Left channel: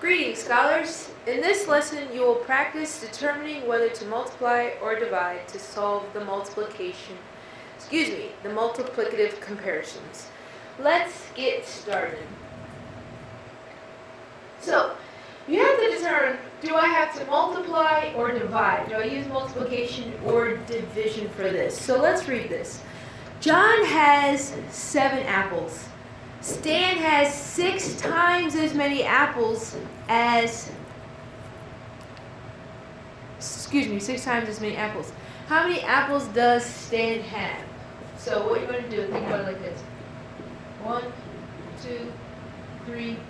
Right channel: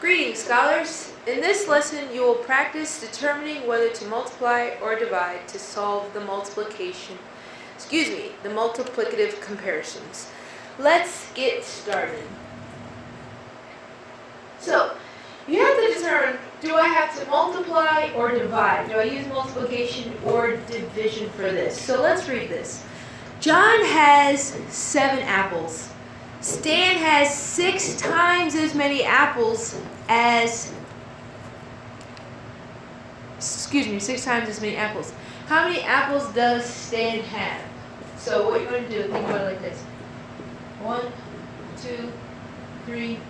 Greetings, scholars! In this lesson, you will practice determining whether to multiply or divide to solve the multiplicative comparisons. Let's get started. So, you have to determine, do I have to multiply or divide? Do I use multiplication or division for this? So let's read this. John has 7 apples. Stan has 6 times as many apples as 6 times as many apples. How many apples does Stan have? So what you're going to do, think about it like this. 1, 2, 3,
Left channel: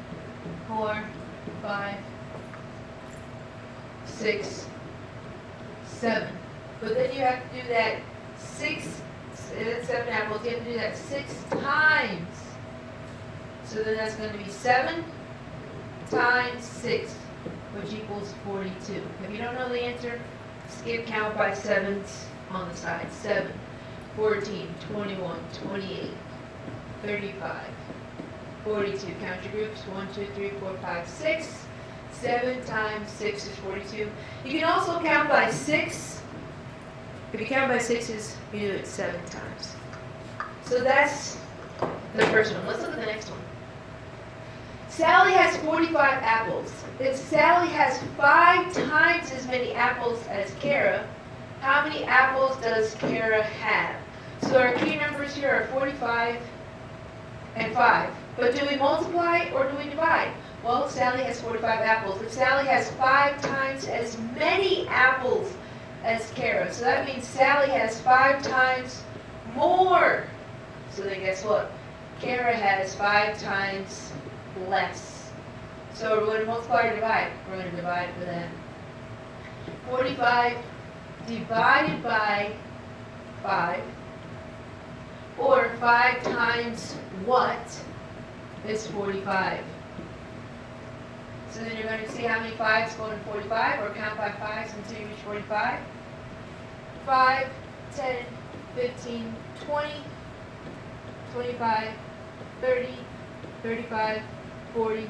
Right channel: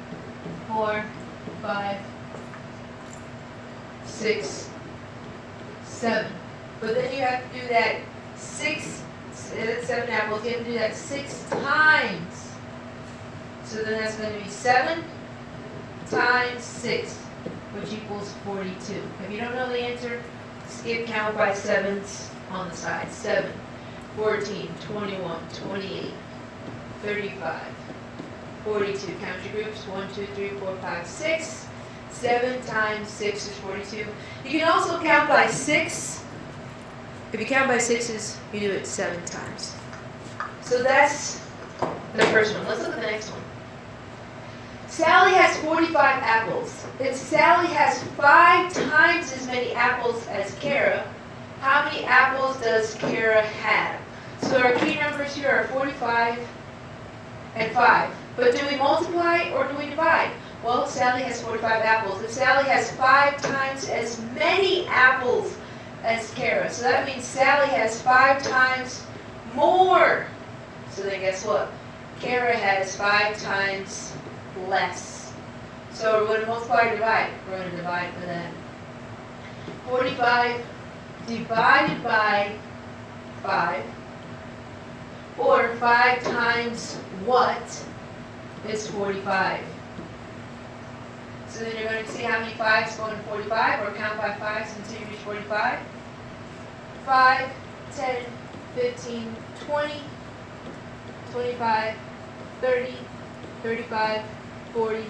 4, 5, 6, 7. But then you have to do that 7 apples, you have to do that 6 times. So then that's going to be 7 times 6, which equals 42. If you don't know the answer, skip count by 7s on the side. 7, 14, 21, 28, 35, 42. Count your groups. 1, 2, 3, 4, 5, 6. 7 times 6 is 42. You can also count by 6. If you count by 6s, you do it 7 times. So that's the first one. Let's look at the next one. Sally has 45 apples. If Sally has 5 times as many apples as Kara, how many apples does Kara have? So our key numbers here are 45 and 5. But do we multiply or do we divide? Well, Sally has 45 apples. If Sally has 5 times as many apples as Kara, so that means Sally has 5 times more. So then guess what? Kara has 5 times less. So we're going to multiply or divide? We're going to divide for that. 45 divided by 5, or 5 times what is 45? So then you're going to see how many 5s go into 45, or count by 5s until you reach 45. 5, 10, 15, 20, 25, 30, 35, 40,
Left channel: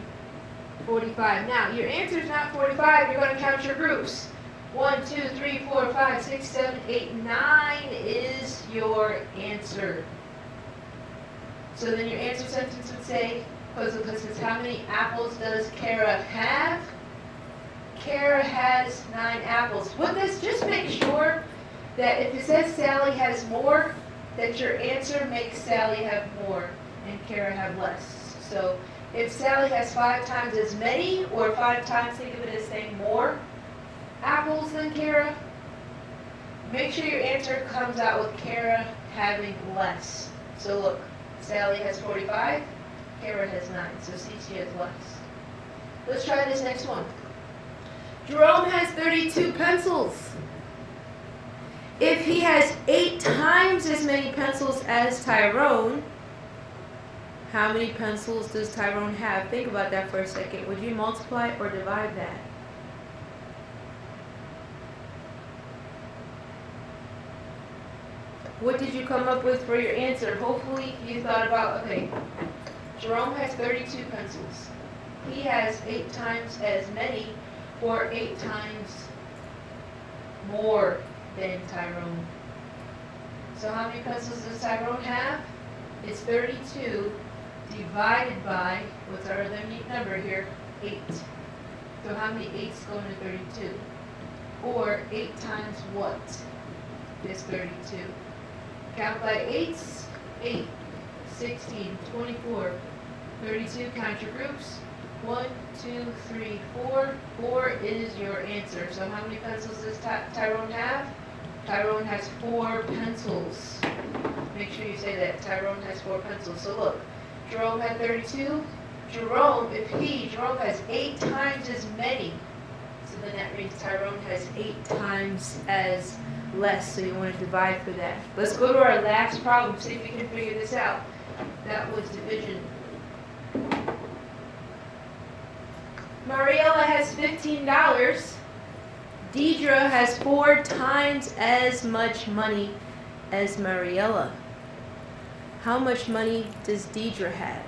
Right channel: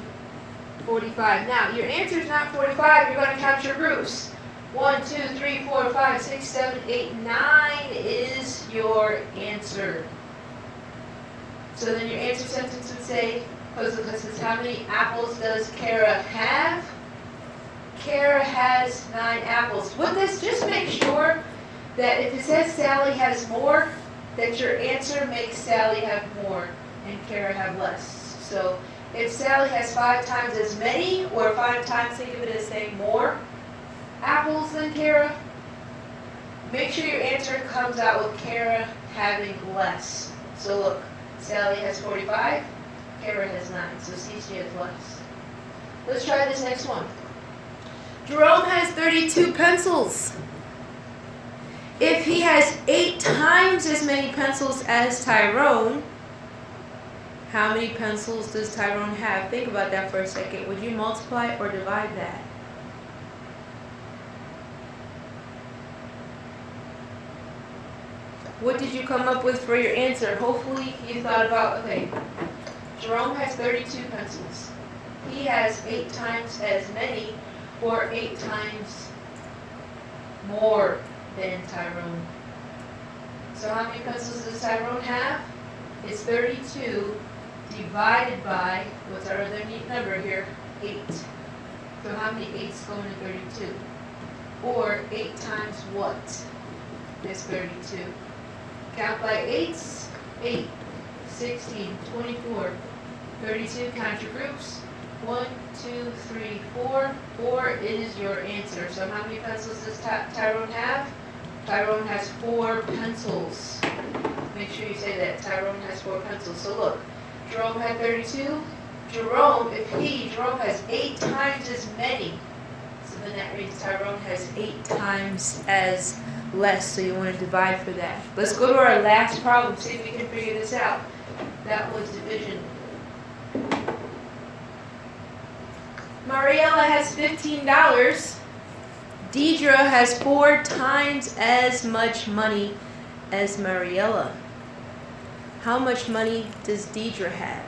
45. Now, your answer is not 45. You're going to count your groups. 1, 2, 3, 4, 5, 6, 7, 8, 9 is your answer. So then your answer sentence would say, because it's how many apples does Kara have? Kara has 9 apples. With this, just make sure that if it says Sally has more, that your answer makes Sally have more and Kara have less. So if Sally has 5 times as many, or 5 times, think of it as saying more apples than Kara, make sure your answer comes out with Kara having less. So look, Sally has 45, Kara has 9, so see, she has less. Let's try this next one. Jerome has 32 pencils. If he has 8 times as many pencils as Tyrone, how many pencils does Tyrone have? Think about that for a second. Would you multiply or divide that? What did you come up with for your answer? Hopefully you thought about, okay, Jerome has 32 pencils. He has 8 times as many, or 8 times more than Tyrone. So how many pencils does Tyrone have? It's 32 divided by, what's our other neat number here? 8. So how many 8s go into 32? Or 8 times what is 32? Count by 8s. 8, 16, 24, 32. Count your groups. 1, 2, 3, 4. 4 is your answer. So how many pencils does Tyrone have? Tyrone has 4 pencils. Make sure you say that. Tyrone has 4 pencils. So look, Jerome had 32. Jerome has 8 times as many. So then that means Tyrone has 8 times as less. So you want to divide for that. Let's go to our last problem, see if we can figure this out. That was division. Mariella has $15. Deidre has 4 times as much money as Mariella. How much money does Deidre have?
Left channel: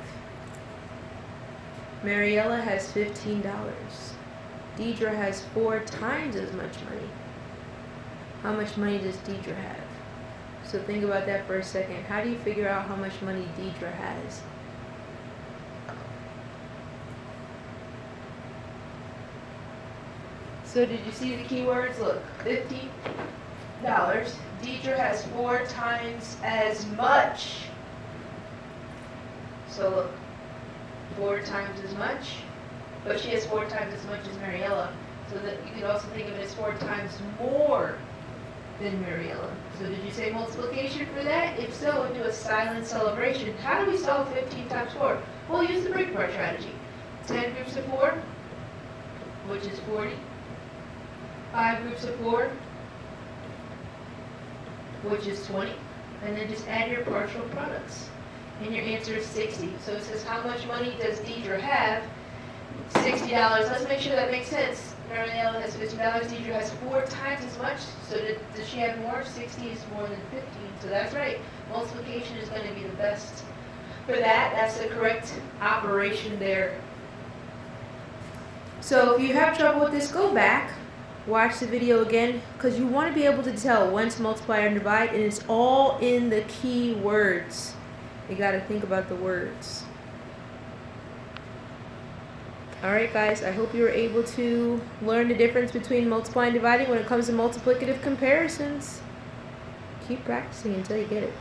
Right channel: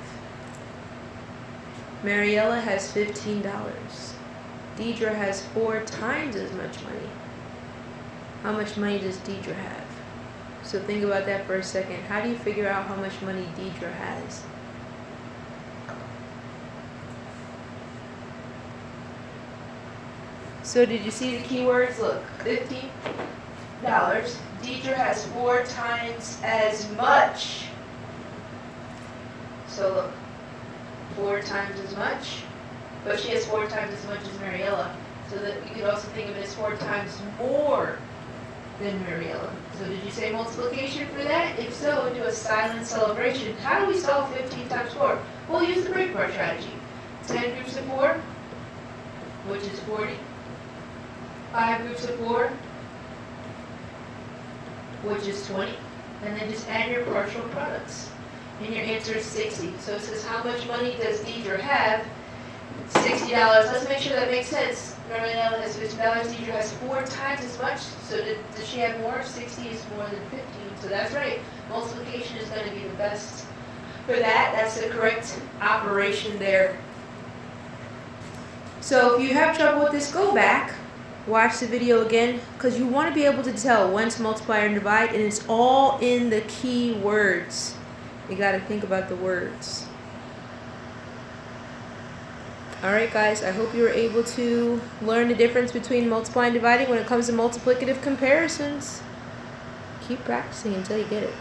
Mariella has $15. Deidre has 4 times as much money. How much money does Deidre have? So think about that for a second. How do you figure out how much money Deidre has? So did you see the keywords? Look, $15. Deidre has 4 times as much. So look, 4 times as much, but she has 4 times as much as Mariella. So that you could also think of it as 4 times more than Mariella. So did you say multiplication for that? If so, do a silent celebration. How do we solve 15 times 4? We'll use the breakbar strategy. 10 groups of 4, which is 40. 5 groups of 4, which is 20. And then just add your partial products. And your answer is 60. So it says, how much money does Deidre have? $60. Let's make sure that makes sense. Mariella has $50. Deidre has 4 times as much. So does she have more? 60 is more than 15. So that's right. Multiplication is going to be the best for that. That's the correct operation there. So if you have trouble with this, go back. Watch the video again, because you want to be able to tell when to multiply and divide, and it's all in the key words. You got to think about the words. Alright guys, I hope you were able to learn the difference between multiplying and dividing when it comes to multiplicative comparisons. Keep practicing until you get it.